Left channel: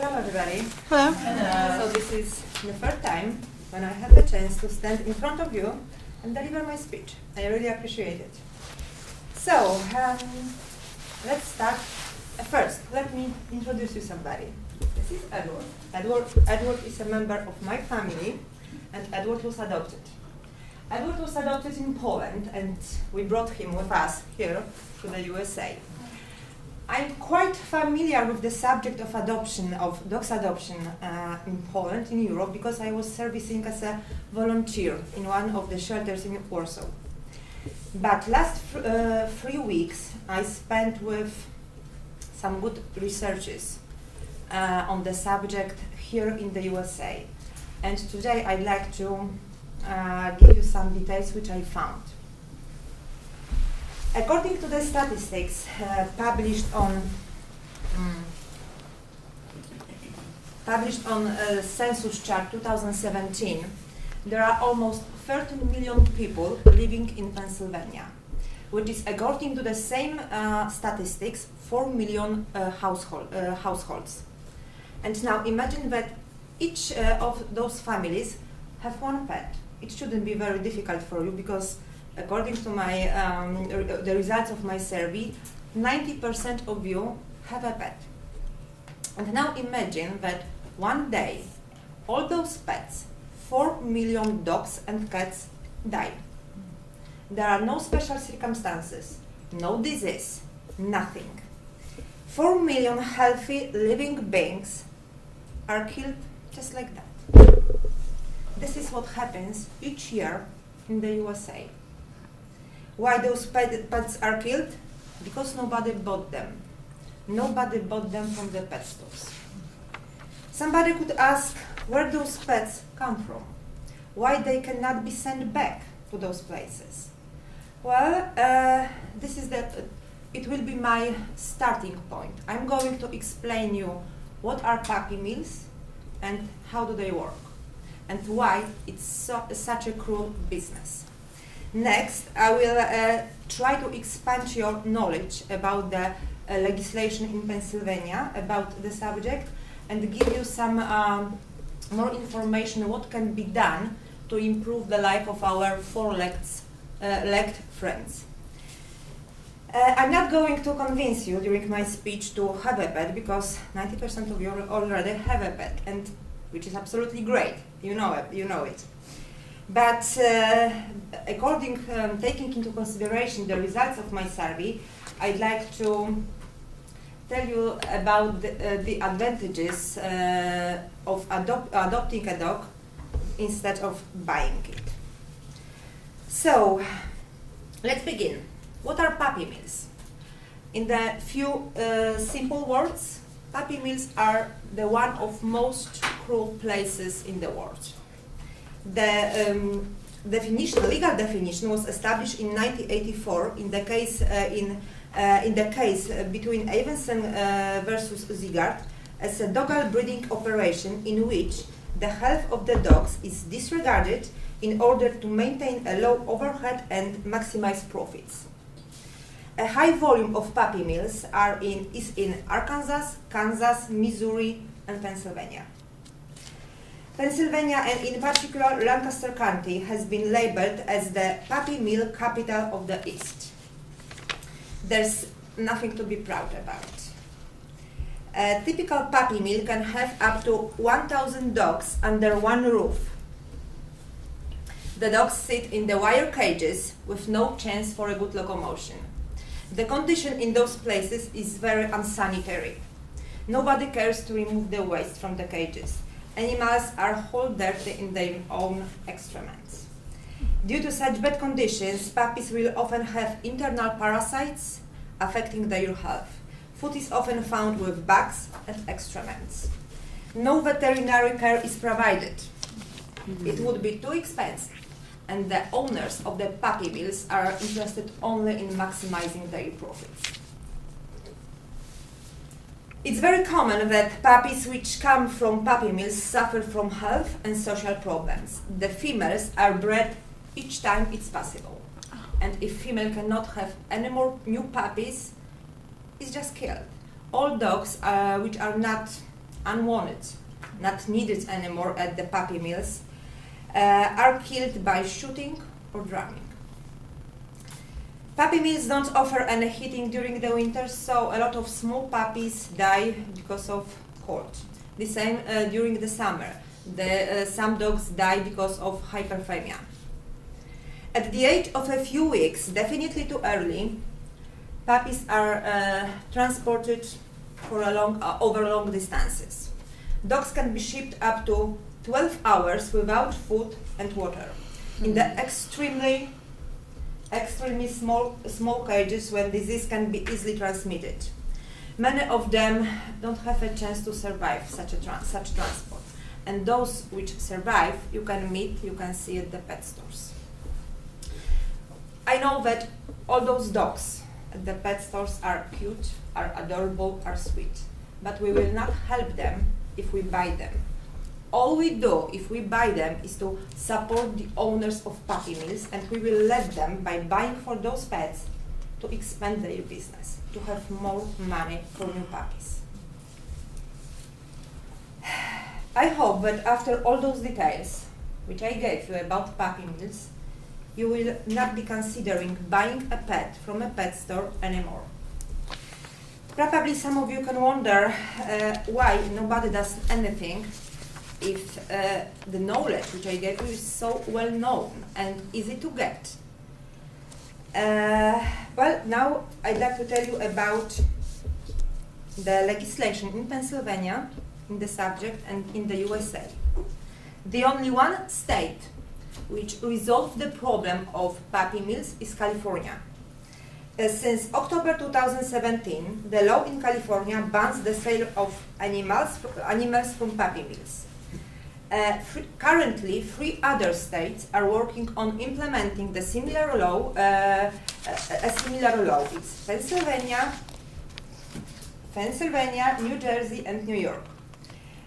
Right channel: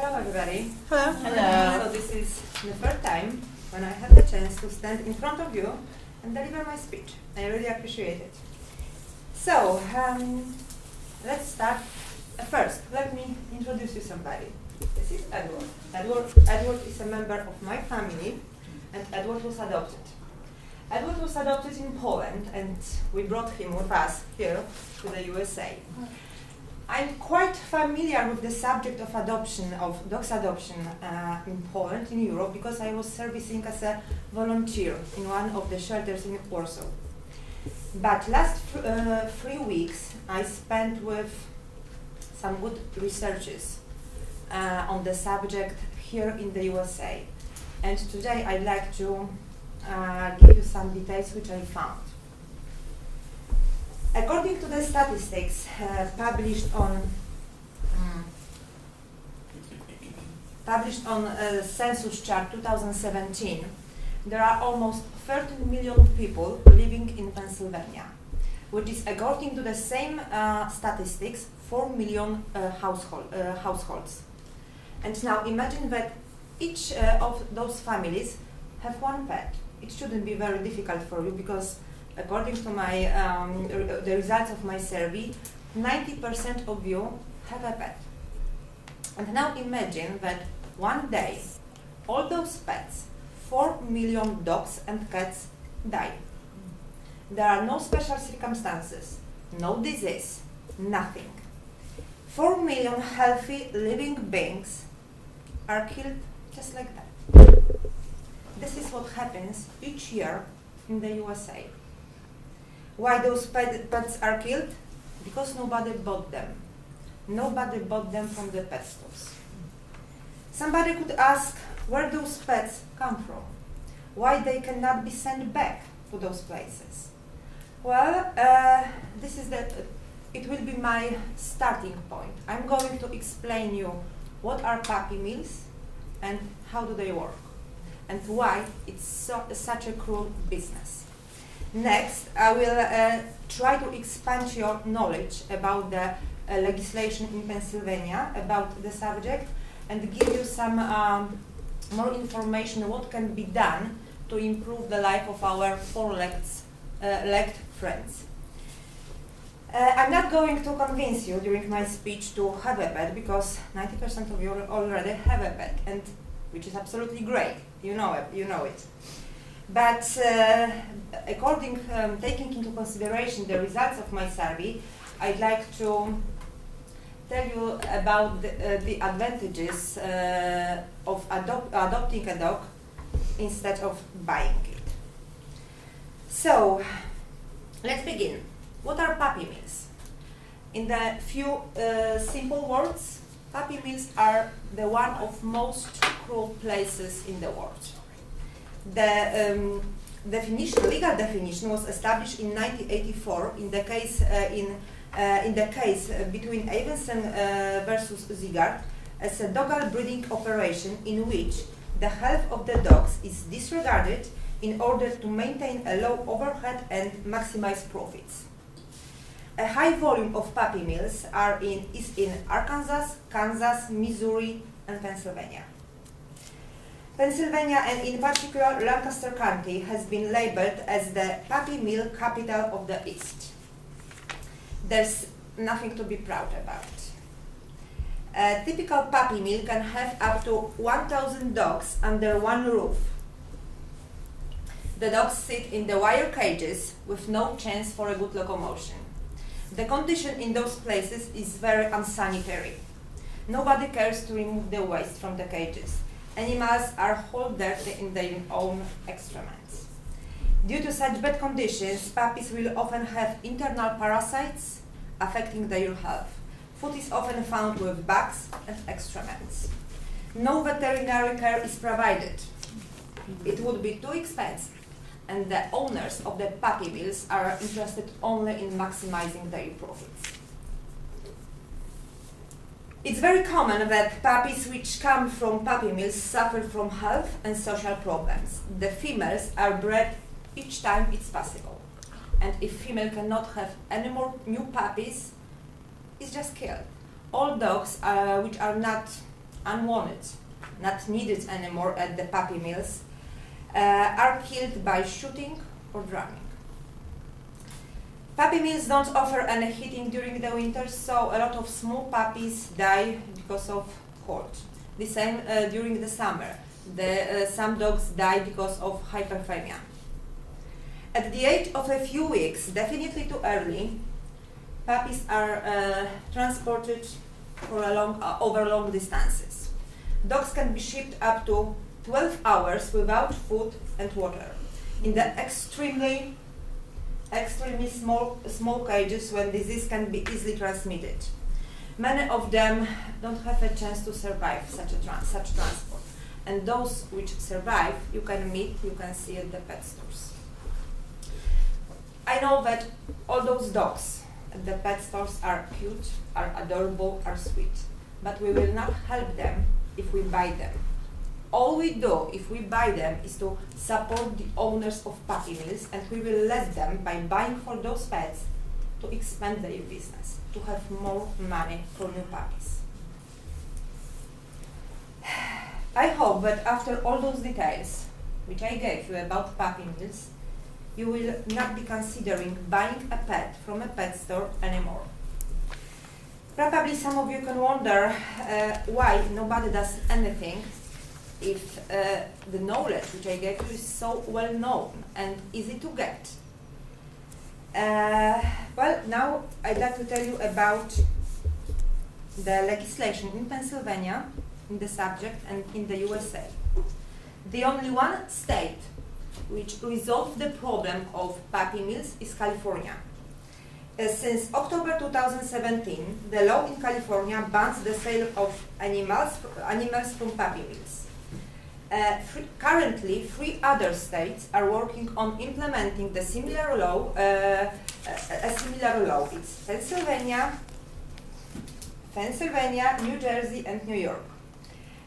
Hello everybody. Hello. Hello. So this is the first time when I have the chance to stand in front of you and deliver my speech. I really appreciate it. So, let's start. First, let me introduce you somebody. This is Edward. Edward is a member of my family, and Edward was adopted. Edward was adopted in Poland, and we brought him with us here to the USA. I'm quite familiar with the subject of adoption, of dogs adoption in Poland, in Europe, because I was servicing as a volunteer in one of the shelters in Warsaw. But last 3 weeks I spent with some good researchers on the subject here in the USA. And today I'd like to give you some details which I found. According to the statistics published on Census Chart 2017, there are almost 13 million people living in Pennsylvania, which is, according to the same statistics, 4 million households. And now imagine that each of those families have one pet. It shouldn't be very difficult for you because, according to my the results of my survey, 90% of you have a pet. And now imagine that one day all those pets, 4 million dogs and cats, die. There are no special circumstances, no disease, nothing. 4 million healthy living beings are killed just like that. This is what happens each year in the USA. Why those pets are killed? Because nobody bought them. Nobody bought them from the pet stores. Somebody could ask where those pets come from, why they cannot be sent back to those places. Well, it will be my starting point. I'm going to explain you what are puppy mills and how do they work, and why it's such a cruel business. Next, I will try to expand your knowledge about the legislation in Pennsylvania about the subject and give you some more information what can be done to improve the life of our four-legged friends. I'm not going to convince you during my speech to have a pet because 90% of you already have a pet, and which is absolutely great. You know it. But taking into consideration the results of my survey, I'd like to tell you about the advantages of adopting a dog instead of buying it. So, let's begin. What are puppy mills? In the few simple words, puppy mills are the one of most cruel places in the world. The legal definition was established in 1984 in the case between Evensen versus Zigard as a dog breeding operation in which the health of the dogs is disregarded in order to maintain a low overhead and maximize profits. A high volume of puppy mills is in Arkansas, Kansas, Missouri, and Pennsylvania. Pennsylvania, and in particular Lancaster County, has been labeled as the puppy mill capital of the East. There's nothing to be proud about. A typical puppy mill can have up to 1,000 dogs under one roof. The dogs sit in the wire cages with no chance for a good locomotion. The condition in those places is very unsanitary. Nobody cares to remove the waste from the cages. Animals are whole dirty in their own excrements. Due to such bad conditions, puppies will often have internal parasites affecting their health. Food is often found with bugs and excrements. No veterinary care is provided. It would be too expensive, and the owners of the puppy mills are interested only in maximizing their profits. It's very common that puppies which come from puppy mills suffer from health and social problems. The females are bred each time it's possible. And if female cannot have any more new puppies, it's just killed. All dogs which are not unwanted, not needed anymore at the puppy mills, are killed by shooting or drowning. Puppy mills don't offer any heating during the winter, so a lot of small puppies die because of cold. The same during the summer. Some dogs die because of hyperthermia. At the age of a few weeks, definitely too early, puppies are transported for over long distances. Dogs can be shipped up to 12 hours without food and water in the extremely small cages when disease can be easily transmitted. Many of them don't have a chance to survive such transport. And those which survive, you can see at the pet stores. I know that all those dogs at the pet stores are cute, are adorable, are sweet, but we will not help them if we buy them. All we do if we buy them is to support the owners of puppy mills, and we will let them, by buying for those pets, to expand their business, to have more money for new puppies. I hope that after all those details, which I gave you about puppy mills, you will not be considering buying a pet from a pet store anymore. Probably some of you can wonder why nobody does anything if the knowledge which I gave you is so well known and easy to get. Well, now I'd like to tell you about the legislation in Pennsylvania in the subject and in the USA. The only one state which resolved the problem of puppy mills is California. Since October 2017, the law in California bans the sale of animals from puppy mills. Currently, 3 other states are working on implementing the similar law. A similar law. It's Pennsylvania, New Jersey, and New York.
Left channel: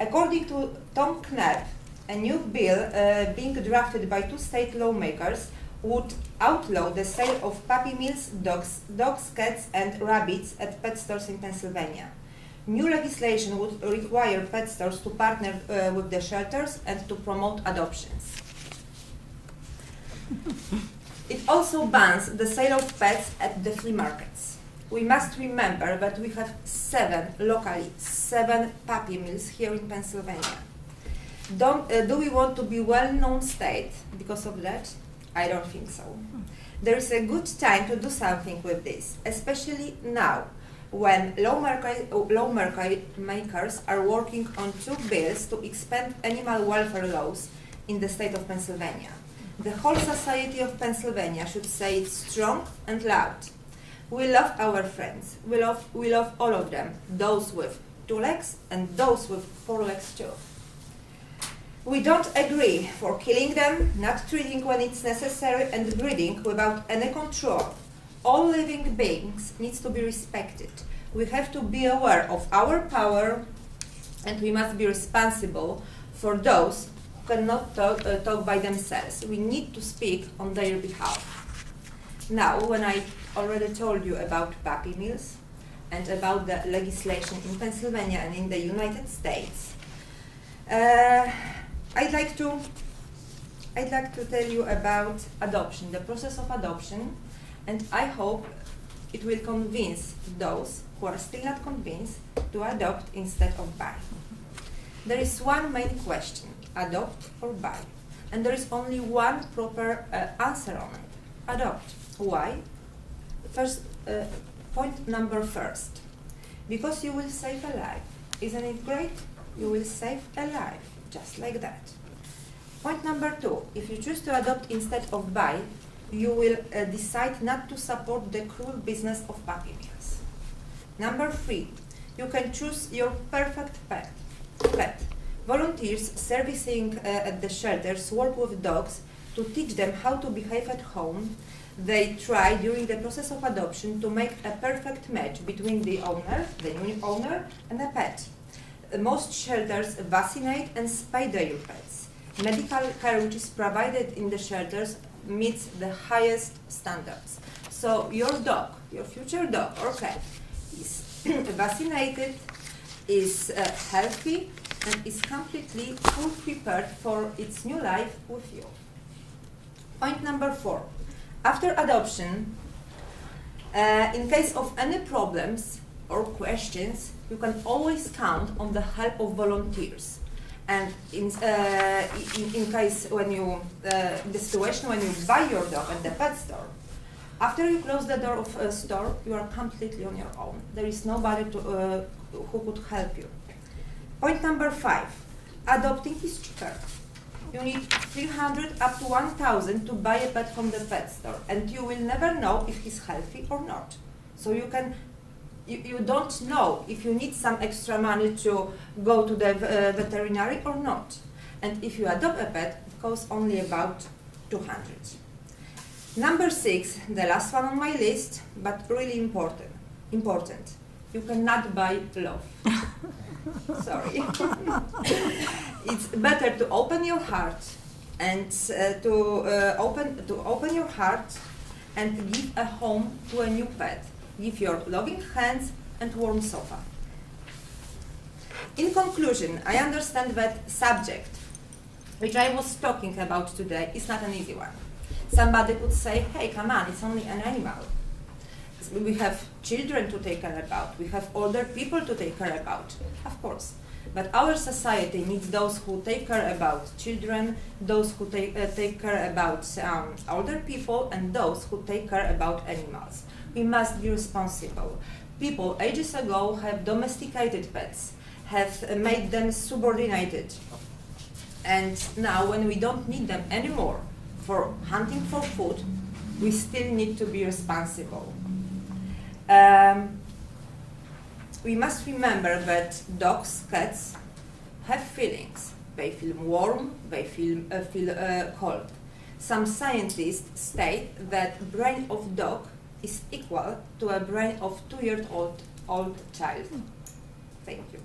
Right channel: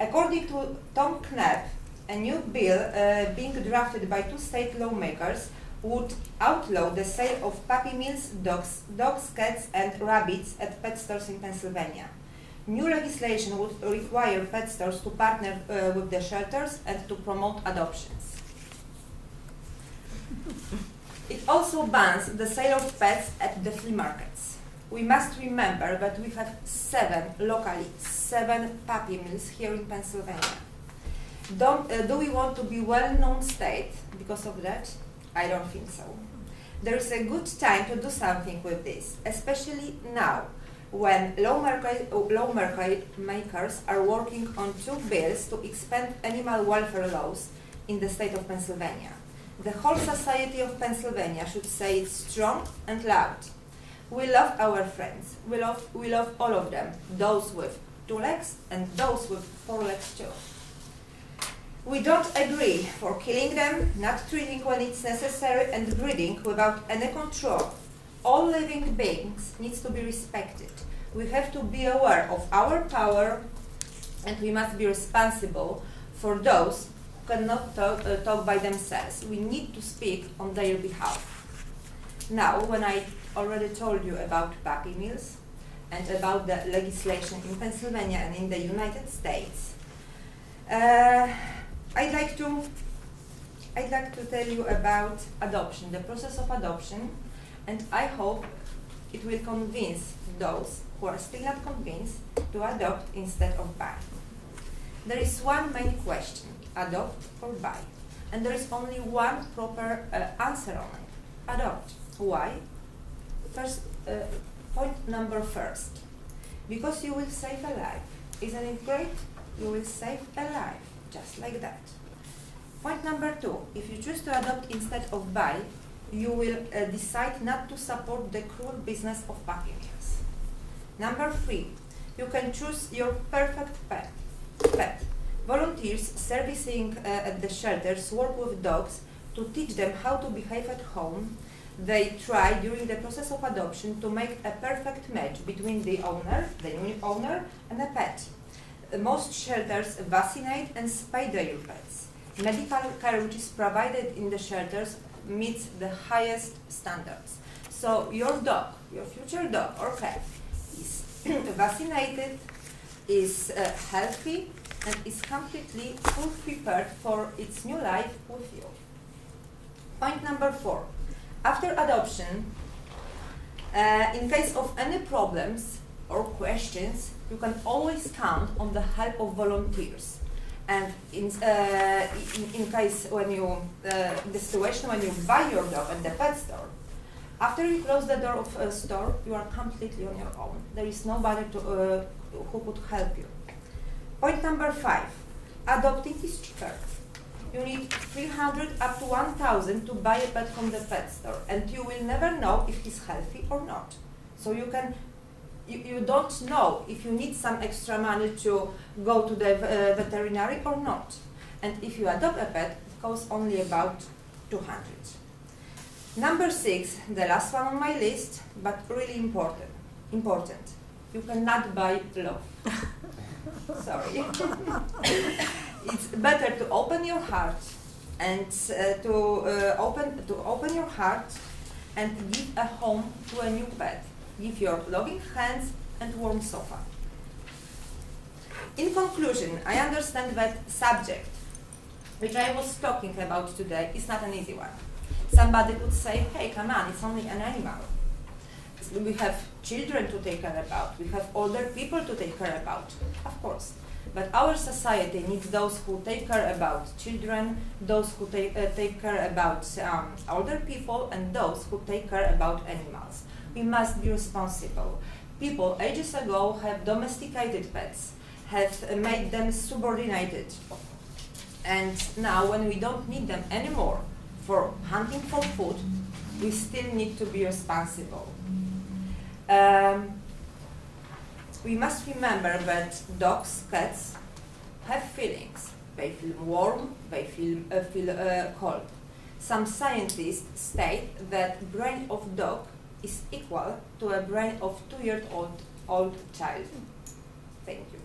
According to Tom Knapp, a new bill being drafted by 2 state lawmakers would outlaw the sale of puppy mills, dogs, cats, and rabbits at pet stores in Pennsylvania. New legislation would require pet stores to partner with the shelters and to promote adoptions. It also bans the sale of pets at the flea markets. We must remember that we have 7 puppy mills here in Pennsylvania. Do we want to be well-known state because of that? I don't think so. There is a good time to do something with this, especially now, when lawmakers are working on 2 bills to expand animal welfare laws in the state of Pennsylvania. The whole society of Pennsylvania should say it strong and loud. We love our friends. We love all of them, those with 2 legs and those with 4 legs too. We don't agree for killing them, not treating when it's necessary, and breeding without any control. All living beings need to be respected. We have to be aware of our power, and we must be responsible for those who cannot talk by themselves. We need to speak on their behalf. Now, when I already told you about puppy mills and about the legislation in Pennsylvania and in the United States, I'd like to tell you about adoption, the process of adoption, and I hope it will convince those who are still not convinced to adopt instead of buy. There is one main question, adopt or buy, and there is only one proper answer on it, adopt. Why? First, point number first, because you will save a life. Isn't it great? You will save a life. Just like that. Point number 2, if you choose to adopt instead of buy, you will decide not to support the cruel business of puppy mills. Number 3, you can choose your perfect pet. Volunteers servicing at the shelters work with dogs to teach them how to behave at home. They try during the process of adoption to make a perfect match between the new owner, and a pet. Most shelters vaccinate and spay their pets. Medical care which is provided in the shelters meets the highest standards. So your dog, your future dog or cat, is vaccinated, is healthy and is completely full prepared for its new life with you. Point number 4. After adoption, in case of any problems or questions, you can always count on the help of volunteers. And in case when you, in the situation when you buy your dog at the pet store, after you close the door of a store, you are completely on your own. There is nobody who could help you. Point number 5. Adopting is cheaper. You need 300 up to 1,000 to buy a pet from the pet store, and you will never know if he's healthy or not. So you don't know if you need some extra money to go to the veterinary or not. And if you adopt a pet, it costs only about 200. Number 6, the last one on my list, but really important. You cannot buy love. Sorry. It's better to open your heart and open your heart and give a home to a new pet. Give your loving hands and warm sofa. In conclusion, I understand that subject, which I was talking about today, is not an easy one. Somebody could say, hey, come on, it's only an animal. We have children to take care about. We have older people to take care about. Of course. But our society needs those who take care about children, those who take care about older people, and those who take care about animals. We must be responsible. People ages ago have domesticated pets, have made them subordinated. And now when we don't need them anymore for hunting for food, we still need to be responsible. We must remember that dogs, cats have feelings. They feel warm, they feel cold. Some scientists state that brain of dog is equal to a brain of 2-year-old child. Thank you.